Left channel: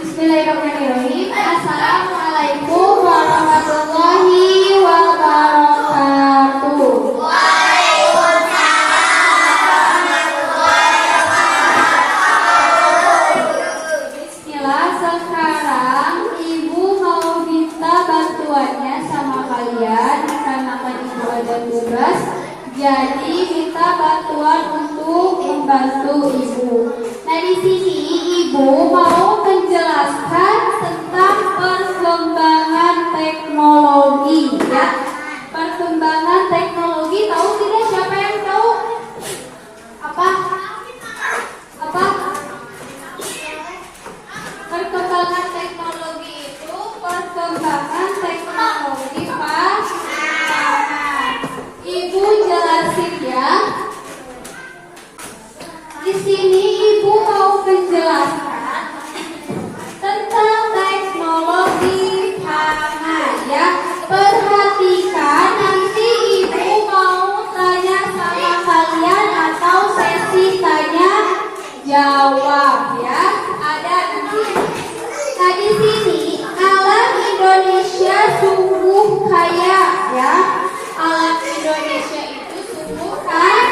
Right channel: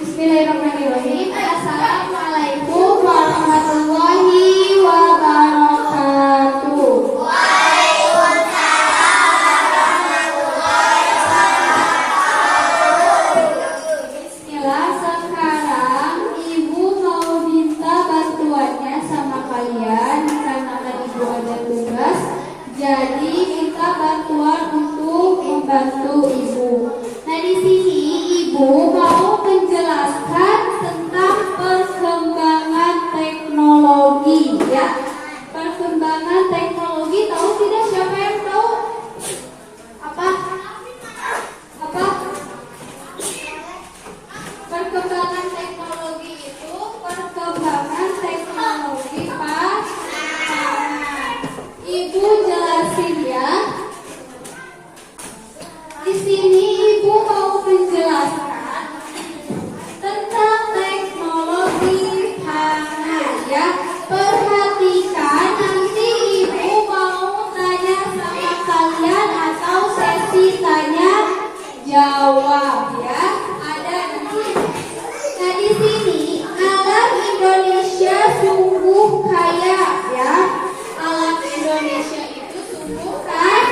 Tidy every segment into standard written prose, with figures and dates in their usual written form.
Bismillahirrahmanirrahim. Assalamualaikum warahmatullahi wabarakatuh. Bismillah, sekarang Ibu mau minta bantuannya sama kalian karena kan Ibu ada tugas. Jadi minta bantuan untuk membantu Ibu. Nah, di sini Ibu mau menjelaskan tentang perkembangan teknologi, ya. Perkembangan teknologi, tahu tidak? Siapa yang tahu? Apa? Perkembangan teknologi itu perkembangan teknologi pangan. Ibu jelasin ya. Di sini Ibu mau menjelaskan tentang teknologi pangan, ya. Perhatikan, nanti Ibu mau tanya sama kalian atau sesi tanya jawab, ya. Ada nanti. Nah, di sini alam Indonesia sungguh kaya, ya. Alam Indonesia itu sungguh kaya.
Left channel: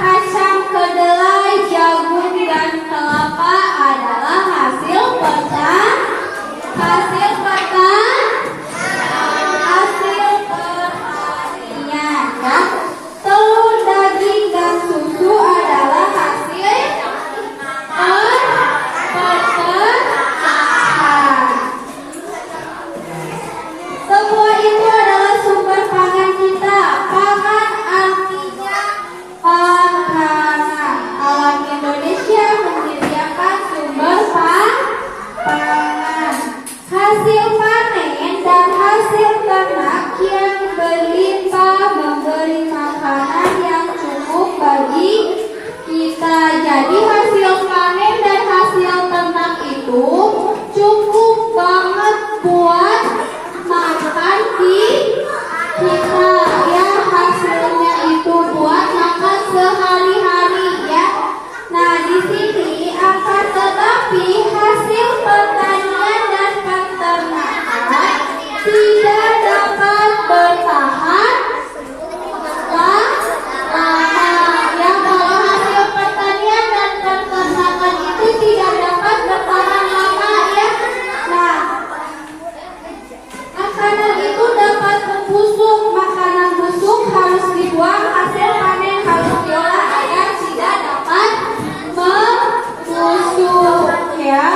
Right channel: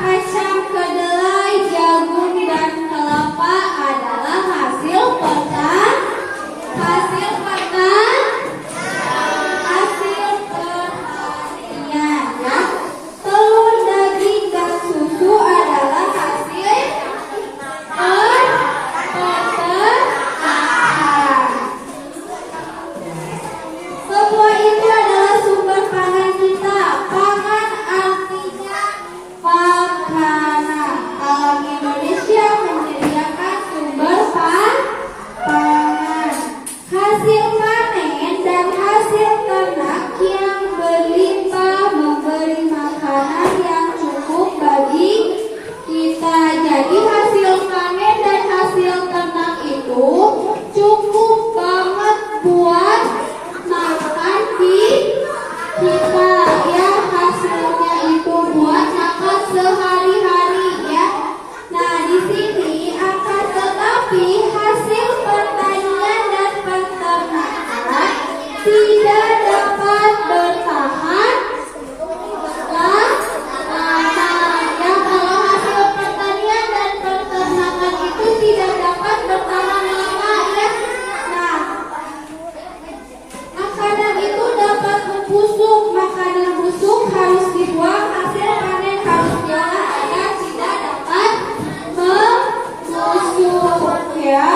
Kacang kedelai, jagung, dan kelapa adalah hasil pertanian, ya. Telur, daging, dan susu adalah hasil peternakan. Semua itu adalah sumber pangan kita. Pangan artinya makanan. Alam Indonesia menyediakan sumber pangan. Hasil panen dan hasil ternak yang berlimpah memberi makanan yang cukup bagi kita. Jadi hasil panen dan hasil ternak itu cukup banget buat makan kita, ya. Hasilnya itu buat makan sehari-hari, ya. Nah, di sini akan tetapi hasil pertanian dan peternakan tidak dapat bertahan lama, ya. Kalau hasil pertanian dan peternakan itu tidak dapat bertahan lama, ya. Nah, makanan itu dapat membusuk. Makanan busuk harus dibuang, hasil panen harus diolah agar tidak dapat membusuk, ya.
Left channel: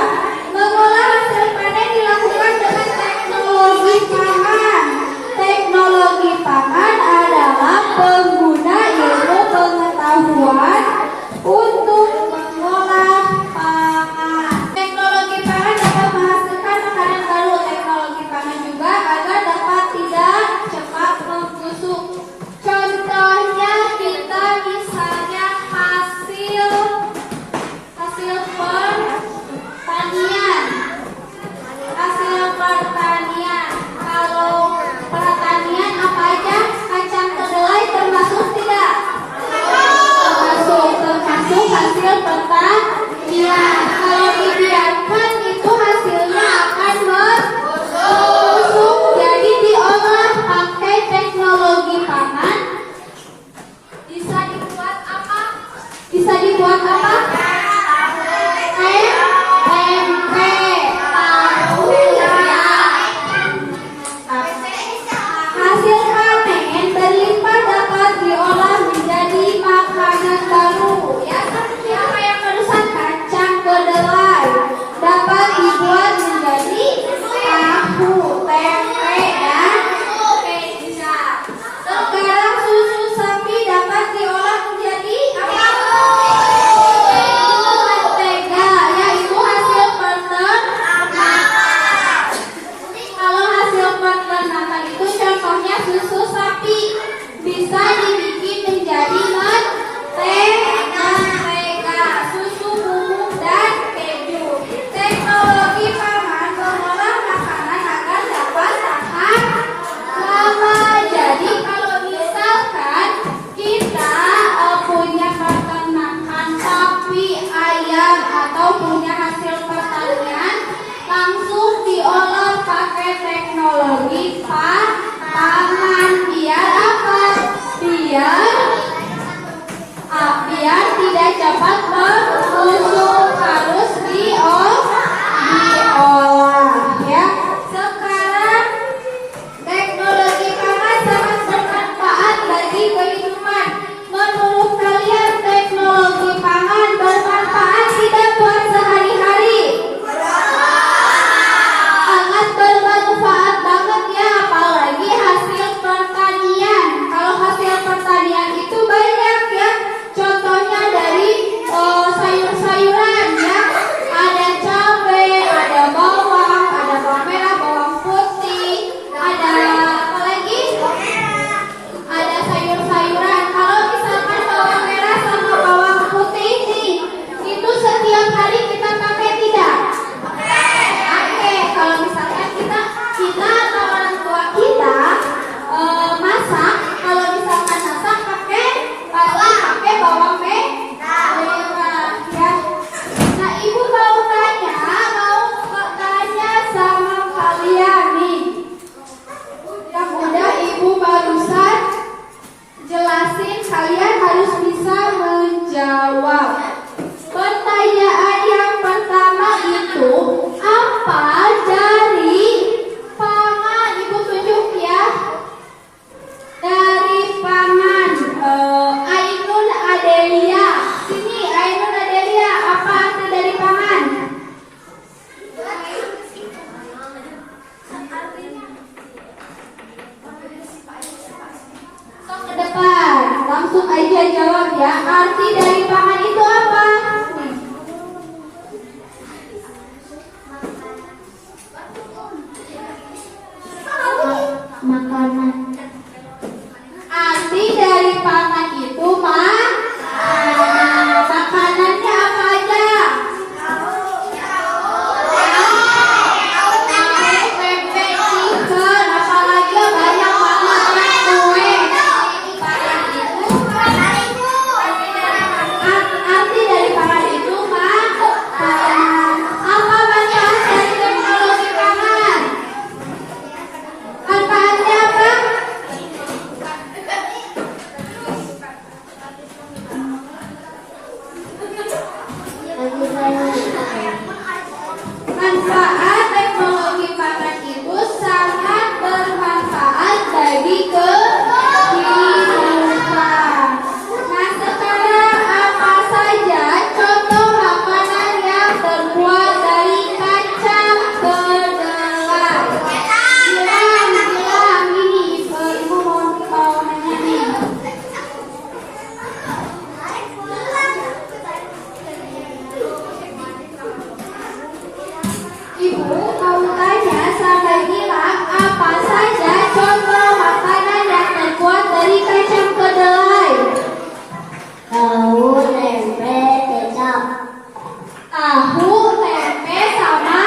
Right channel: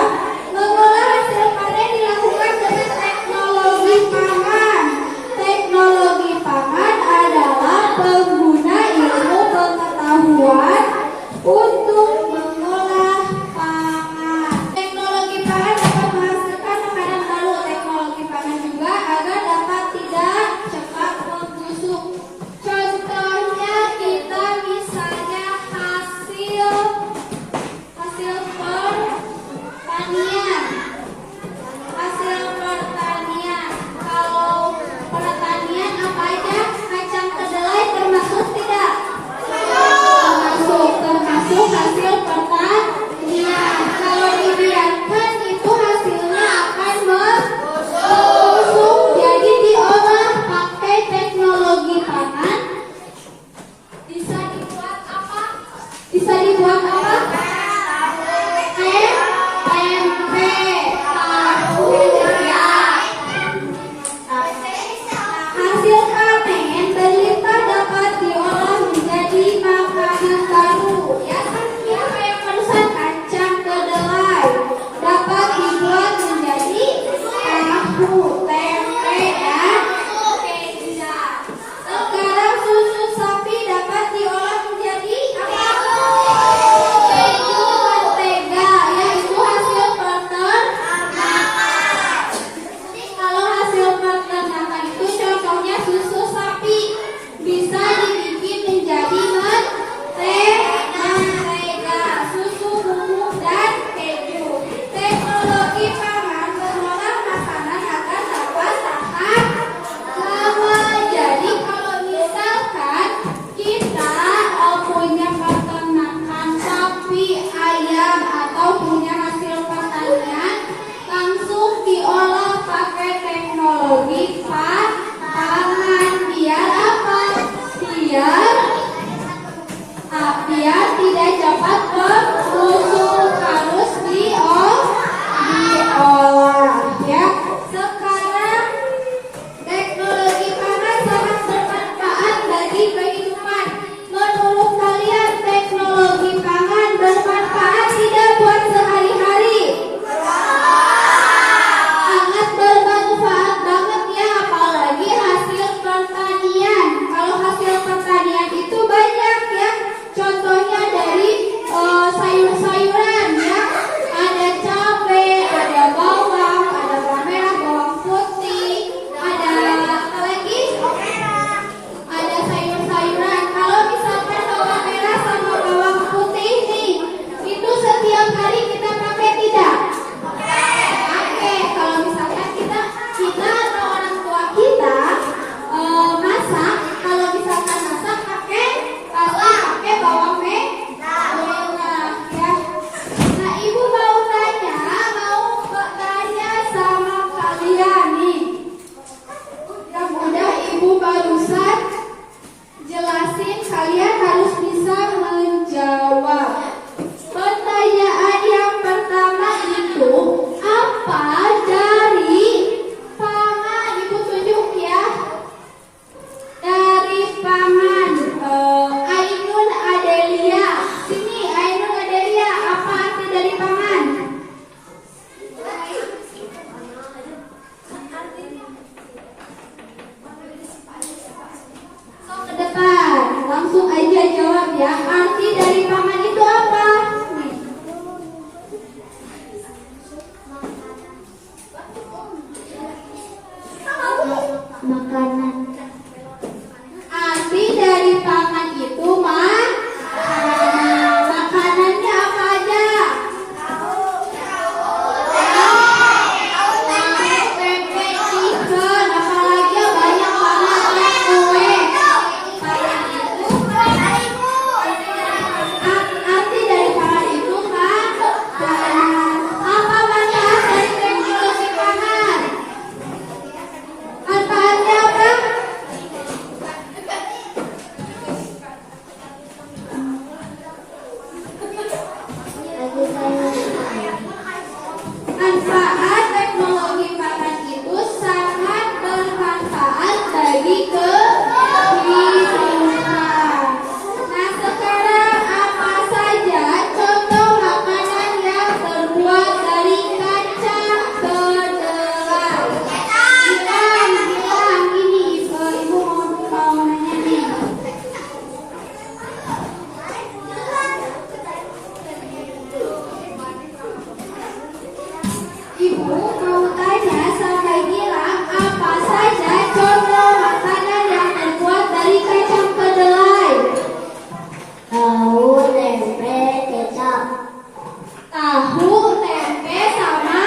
Mengolah hasil panen dilakukan dengan teknologi pangan. Teknologi pangan adalah pengguna ilmu pengetahuan untuk mengolah pangan. Teknologi pangan dapat menghasilkan makanan baru. Teknologi pangan juga agar dapat tidak cepat membusuk. Contohnya kita misalnya hasil pertanian. Kalau pertanian apa aja? Kacang kedelai termasuk tidak? Termasuk hasil pertanian. Kalau dibiarkan itu hasilnya akan membusuk. Jadi diolah pakai teknologi pangan. Bisa dibuat apa? Tempe, tahu, ya. Hasil panen berlimpah dapat diolah menjadi makanan baru, ya. Seperti apa yang barusan, kacang Makanan. Arti dari pangan itu mah makanannya apa aja? Tempe, chicken, apalagi banyak banget kue. Pangan itu arti dari pangan itu mah apa manfaat dari teknologi pangan? Manfaatnya apa? Manfaat teknologi pangan itu sangat bermanfaat bagi kehidupan. Nah, sekarang apa saja contoh makanan yang terbuat dari kacang kedelai? Bilang ini, ibu mau nanya nih. Ibu mau tanya sampai bilang apa saja contoh makanan yang terbuat dari kacang kedelai? Tahu, tempe, kecap. Tahu, tempe, sama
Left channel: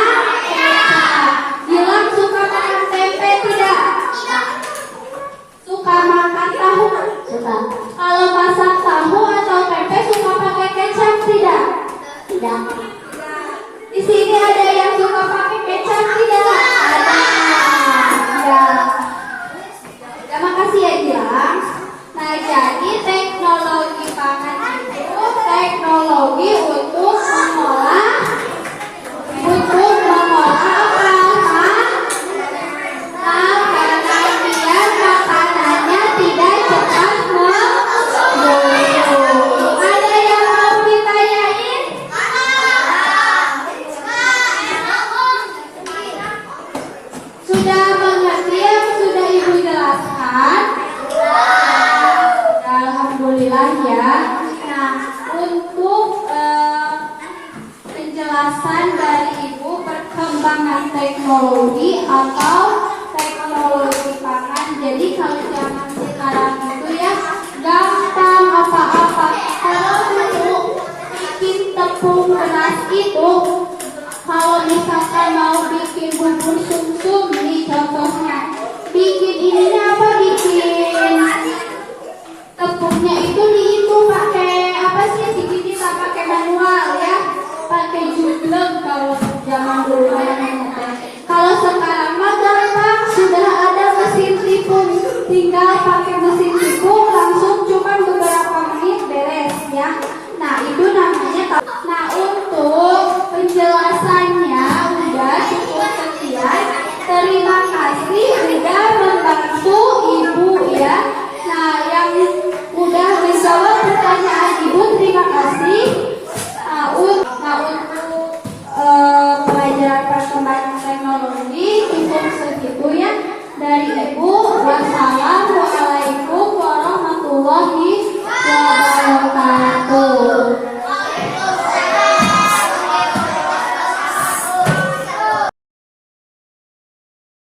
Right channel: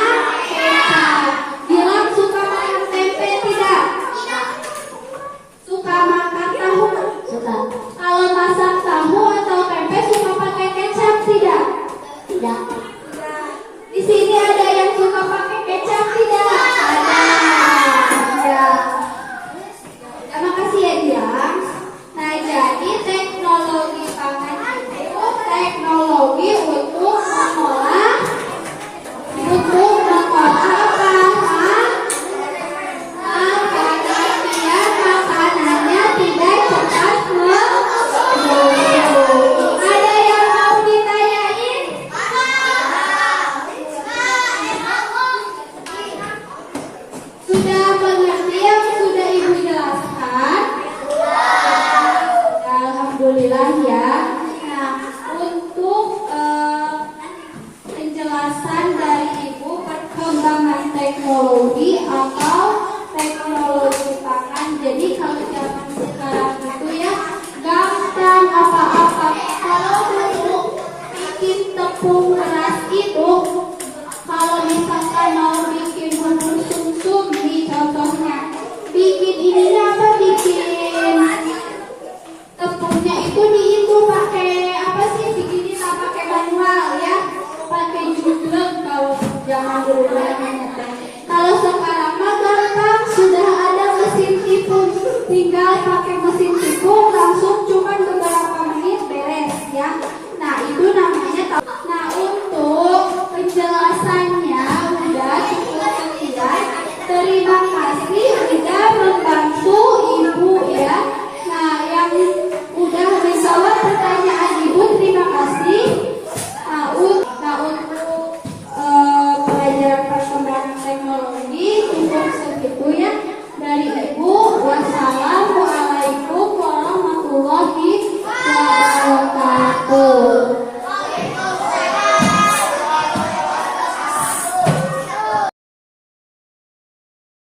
kecap. Bilang suka makan tempe tidak? Suka makan tahu? Suka. Kalau masak tahu atau tempe suka pakai kecap tidak? Tidak. Di sini ada yang suka pakai kecap tidak? Ada. Tidak. Ya, makasih ya Gilang. Nah, jadi teknologi pangan itu teknologi untuk mengolah apa? Makanan biar makanannya tidak cepat membusuk. Ada yang mau ditanyain? Sudah mengerti atau sudah Ibu jelaskan? Alhamdulillah ya. Nah, untuk penjelasan dari Ibu perkembangan teknologi atau teknologi pangan. Jadi kalau zaman sekarang itu ya gampang apa-apa. Kalau dulu bikin tepung beras itu, kalau misalkan mau bikin bubur sumsum